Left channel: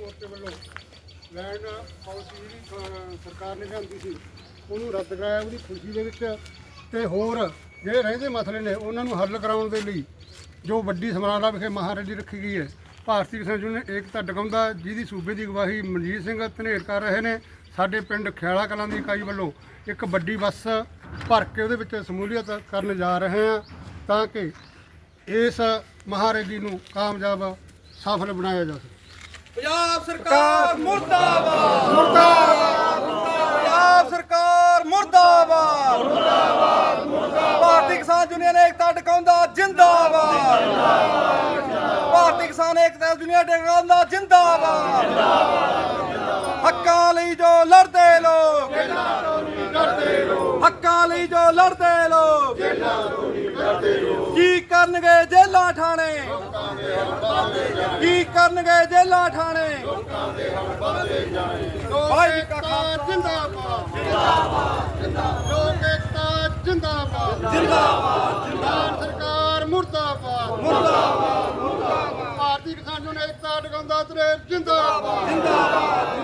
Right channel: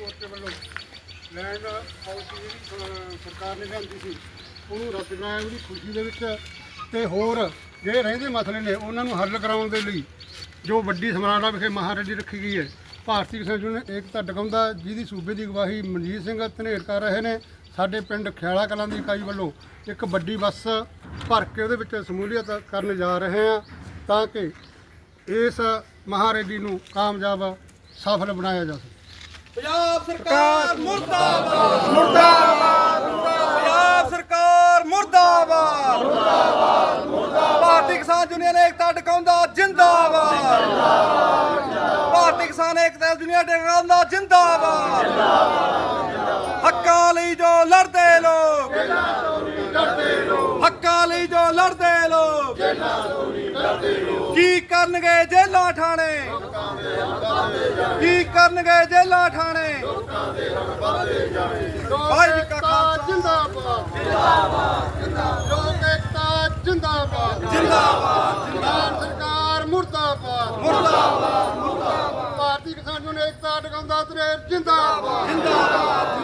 ਮੋਰਚੇ ਵੱਲੋਂ land policy ਜਿਹੜੀ ਸਰਕਾਰ ਨੇ ਲਿਆਂਦੀ ਸੀ, ਉਹਨੂੰ ਰੱਦ ਕਰਾਇਆ, ਉਹਦੀ ਖੁਸ਼ੀ ਦੇ ਵਿੱਚ ਤੇ ਹੋਰ ਜਿਹੜੇ ਰਹਿੰਦੇ ਮਸਲੇ ਨੇ, ਉਹਨਾਂ ਨੂੰ ਹੱਲ ਕਰਾਉਣ ਦੇ ਲਈ ਜੋ ਵੱਡੀ ਸਮਰਾਲਾ ਵਿਖੇ ਮਹਾਰੈਲੀ ਰੱਖੀ ਗਈ ਹੈ, ਭਾਰਤੀ ਕਿਸਾਨ ਯੂਨੀਅਨ ਏਕਤਾ ਡਗਾਉਂਦਾ ਜਿਹਦੀ ਸੂਬੇ ਦੀ ਅਗਵਾਈ ਮਨਜੀਤ ਸਿੰਘ ਧਨੇਰ ਕਰ ਰਹੇ ਨੇ, ਸਾਡੇ ਪਿੰਡ ਖਿਆਲਾ ਕਲਾਂ ਦੀ ਇਕਾਈ ਵੱਲੋਂ ਇੱਕ ਵੱਡੀ ਬੱਸ ਭਰ ਕੇ ਉਹਦੇ ਵਿੱਚ ਸਮੂਲੀਅਤ ਕਰਨ ਜਾ ਰਹੇ ਹਾਂ, ਤਾਂ ਕਿ ਇਸ ਮਹਾਰੈਲੀ ਨੂੰ ਕਾਮਯਾਬ, ਸਫਲ ਬਣਾਇਆ ਜਾ ਸਕੇ। ਪੰਜਾਬ ਸਰਕਾਰ ਮੁਰਦਾਬਾਦ। ਮੁਰਦਾਬਾਦ। ਪੰਜਾਬ ਸਰਕਾਰ ਮੁਰਦਾਬਾਦ। ਮੁਰਦਾਬਾਦ ਭਾਰਤੀ ਕਿਸਾਨ ਯੂਨੀਅਨ ਏਕਤਾ ਟਿਕਾਉਂਦਾ ਜਿੰਦਾਬਾਦ। ਭਾਰਤੀ ਕਿਸਾਨ ਏਕਤਾ ਯੂਨੀਅਨ ਟਿਕਾਉਂਦਾ ਜਿੰਦਾਬਾਦ। ਹੱਕਾਂ ਲਈ ਜੋ ਲੜਦੇ ਲੋਕ। ਹੱਕਾਂ ਲਈ ਜੋ ਲੜਦੇ ਲੋਕ। ਕੀ ਕਰਨਗੇ ਜੇਲਾਂ ਠਾਣੇ? ਕੀ ਕਰਨਗੇ ਜੇਲਾਂ ਠਾਣੇ। ਭਾਈ ਜੀ ਕਾ ਖਾਲਸਾ। ਜਿੰਦਾਬਾਦ। ਜਿੰਦਾਬਾਦ ਜਿੰਦਾਬਾਦ ਲੋਕ ਏਕਤਾ ਜਿੰਦਾਬਾਦ। ਜਿੰਦਾਬਾਦ ਜਿੰਦਾਬਾਦ ਸਰਕਾਰ ਮੁਰਦਾਬਾਦ। ਮੁਰਦਾਬਾਦ ਮੁਰਦਾਬਾਦ। ਭਾਰਤੀ ਕਿਸਾਨ ਯੂਨੀਅਨ ਏਕਤਾ ਟਿਕਾਉਂਦਾ ਤਰੇ ਜਿੰਦਾਬਾਦ। ਜਿੰਦਾਬਾਦ